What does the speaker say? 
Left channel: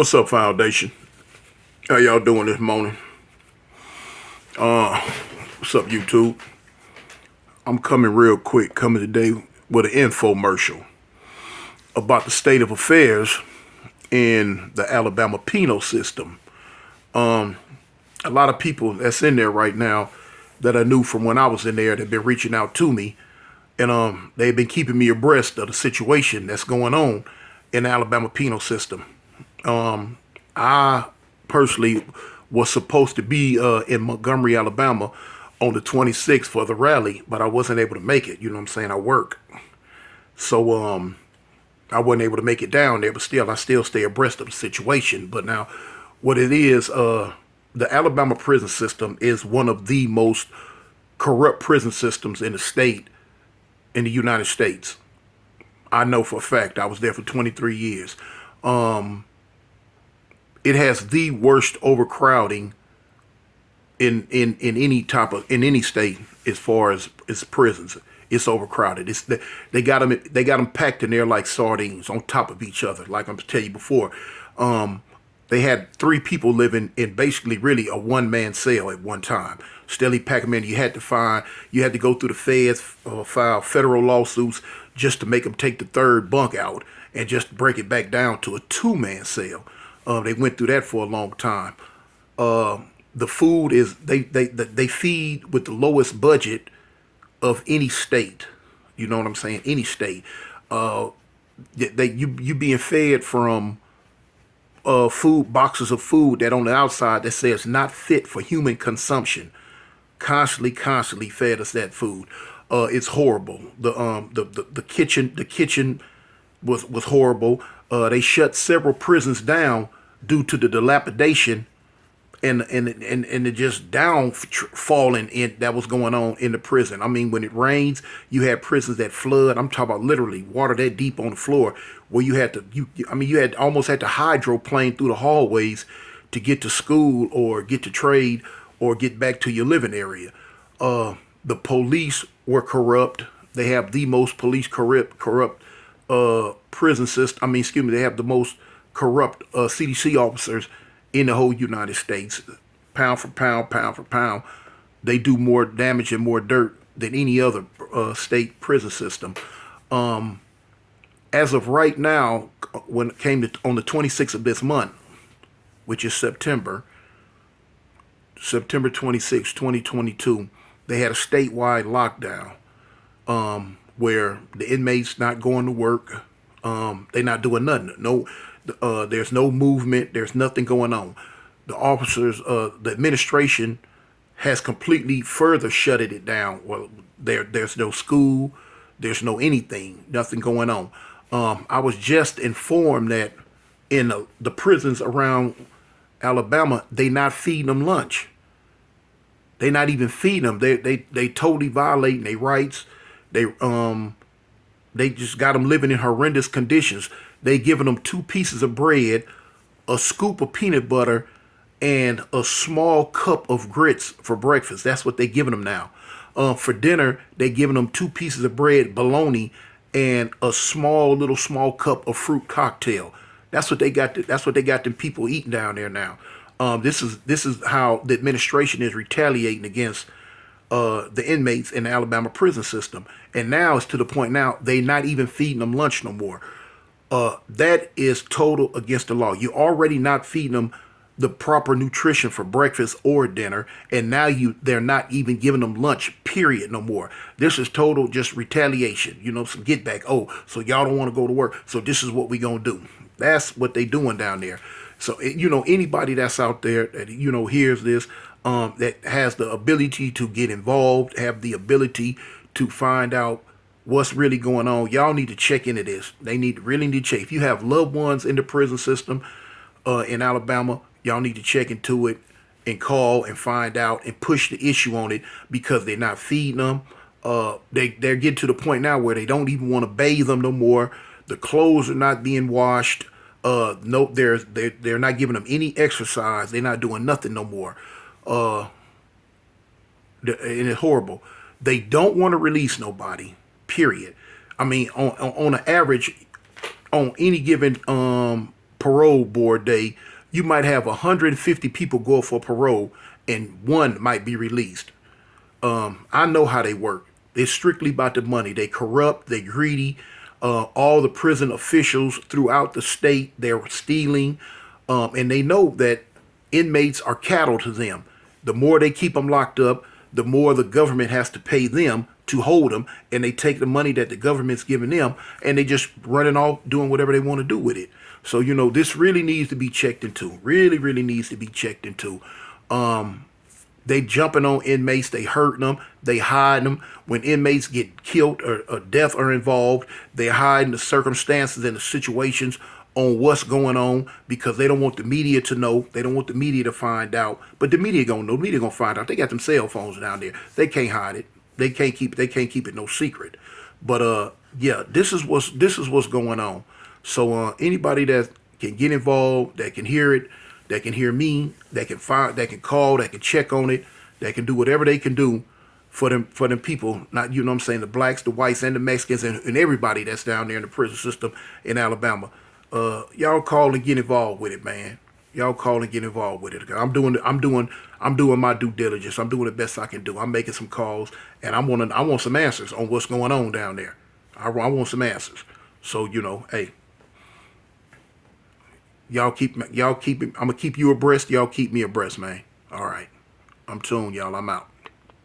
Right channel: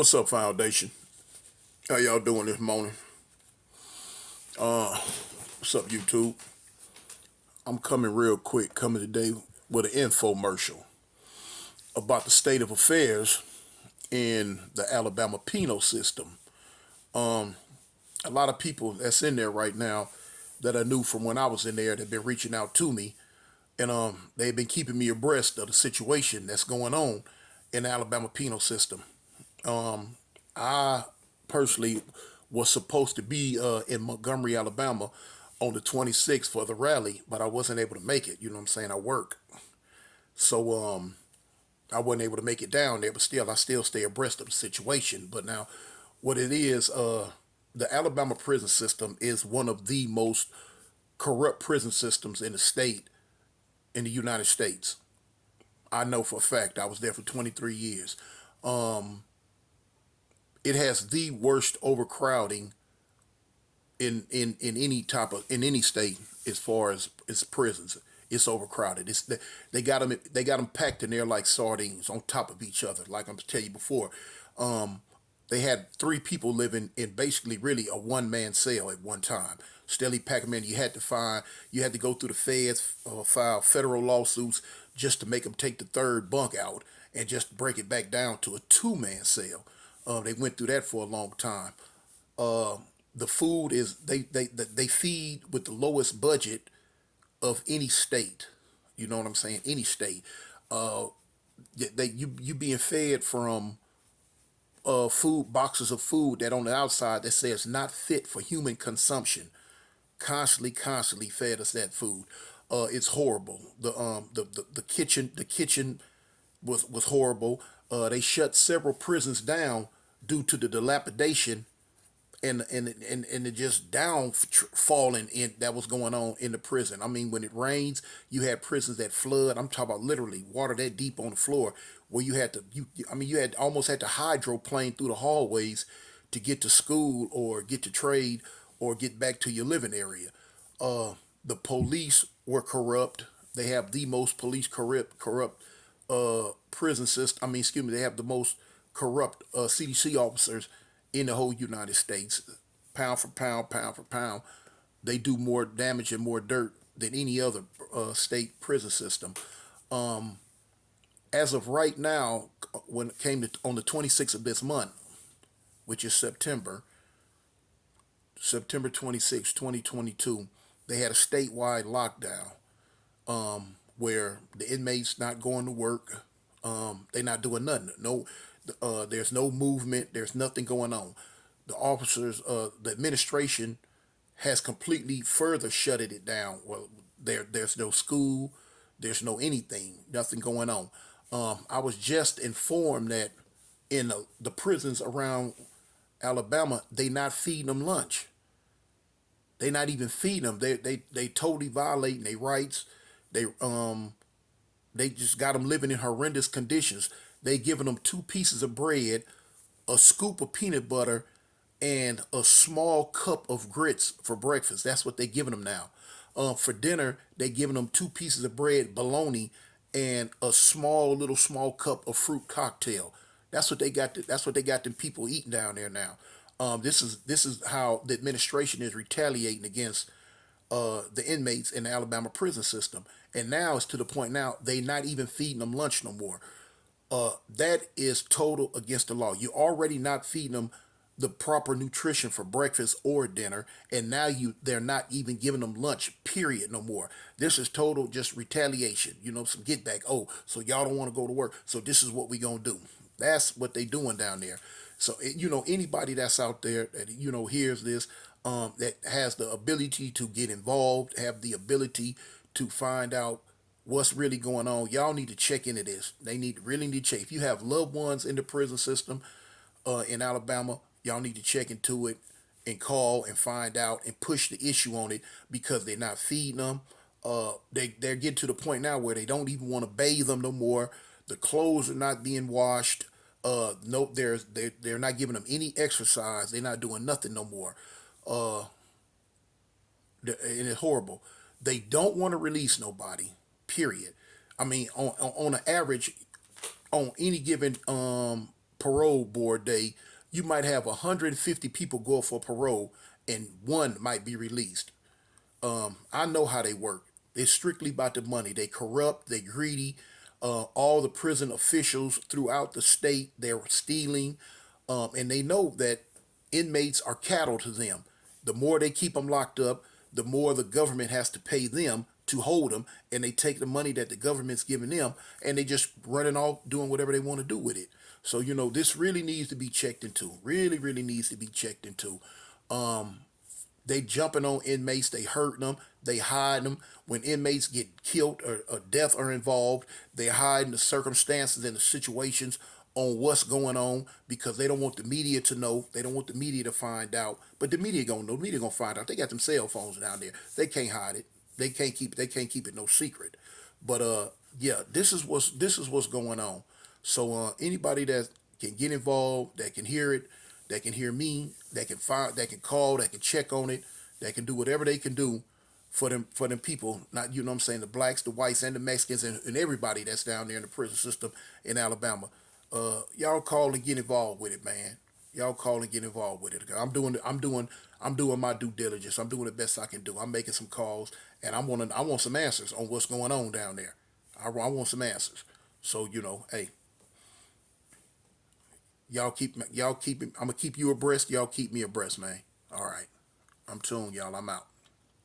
What's up, Foundation? How y'all doing this morning? What's up, YouTube? I'm coming real quick, coming today with an infomercial about the state of affairs in the Alabama penal system. A lot of people that's in there right now that I knew from when I was in there that been reaching out to me, and they've been keeping me abreast of the situation that's going on in the Alabama penal system. I personally was supposed to be in Montgomery, Alabama on the 26th for the rally, but I wasn't able to make it. You know what I'm saying? I work. So I wasn't able to make it down there, but still, I still stay abreast of the situation. But now, what it is, the Alabama prison system is one of the most corrupt prison systems in the state, in the United States. I know for a fact. I was there for 23 years. It has the worst overcrowding in any any state as far as prisons. It's overcrowded. They got them packed in there like sardines on top of each other. Like I'm tell you before, they had three people living in basically really a one-man cell at one time. Steadily pack them in. You had to go through the feds, file federal lawsuits just to make them take the third bunk out and just break it back down to a two-man cell. They went through that for a long time. The food is they feed with the lowest budget of any state. You know what I'm saying? Any state. You being fed from food boxes of food that on the outside that says not fit for human consumption. Constantly fed us that food. It's horrible. The kitchen was horrible. They shut several prisons down due to the dilapidation and the just down falling in that was going on in the prison. I mean, when it rains, you had prisons that flood. I'm talking about literally water that deep on the floor, where you had to you had almost had to hydroplane through the hallways to get to school or get to trade or get back to your living area. The police were corrupt. They have the most police corrupt prison system. Excuse me, they have the most corrupt CDC officers in the whole United States. Pound for pound, they do more damage and more dirt than any other state prison system. As of right now, when it came to on the 26th of this month, which is September 26, 2022, they had a statewide lockdown where the inmates not going to work. They not doing nothing. No, there's no movement. There's nothing going on. The officers, the administration has completely further shutted it down. Well, there's no school. There's no anything. Nothing going on. I was just informed that in the prisons around Alabama, they not feeding them lunch. They not even feeding them. They totally violating their rights. They just got them living in horrendous conditions. They giving them two pieces of bread, a scoop of peanut butter, and a small cup of grits for breakfast. That's what they giving them now. For dinner, they giving them two pieces of bread, bologna, and a small cup of fruit cocktail. That's what they got. That's what they got them people eating down there now. This is how the administration is retaliating against the inmates in the Alabama prison system. And now it's to the point now they not even feeding them lunch no more. That is total against the law. You're already not feeding them the proper nutrition for breakfast or dinner, and now they're not even giving them lunch, period, no more. This is total just retaliation, some get back. Oh, so y'all don't want to go to work, so this is what we gonna do. That's what they doing down there. So anybody that's out there that hears this, that has the ability to get involved, have the ability to find out what's really going on, y'all need to check into this. They really need to check. If you have loved ones in the prison system in Alabama, y'all need to check into it and call and find out and push the issue on it, because they're not feeding them. They're getting to the point now where they don't even want to bathe them no more. The clothes are not being washed. No, they're not giving them any exercise. They're not doing nothing no more. And it's horrible. They don't want to release nobody. Period. On an average, on any given parole board day, you might have 150 people go up for parole and one might be released. I know how they work. It's strictly about the money. They corrupt, they greedy. All the prison officials throughout the state, they're stealing, and they know that inmates are cattle to them. The more they keep them locked up, the more the government has to pay them to hold them, and they take the money that the government's giving them, and they just running off doing whatever they want to do with it. So this really needs to be checked into. Really, really needs to be checked into. They jumping on inmates, they hurting them, they hiding them. When inmates get killed or death are involved, they hiding the circumstances and the situations on what's going on because they don't want the media to know. They don't want the media to find out. But the media gonna know. The media gonna find out. They got them cell phones down there. They can't hide it. They can't keep it no secret. But yeah, this is what's going on. So anybody that can get involved, that can hear it, that can hear me, that can find, that can call, that can check on it, that can do whatever they can do for them people. Not what I'm saying, the blacks, the whites, and the Mexicans, and everybody that's down there in the prison system in Alabama. Y'all call and get involved with it, man. Y'all call and get involved with it. I'm doing my due diligence. I'm doing the best I can do. I'm making some calls, and I want some answers on what's going on down there. I want some answers. So hey, y'all keep I'm gonna keep you abreast. Y'all keep me abreast, man. All right, I'm tuned, y'all. I'm out.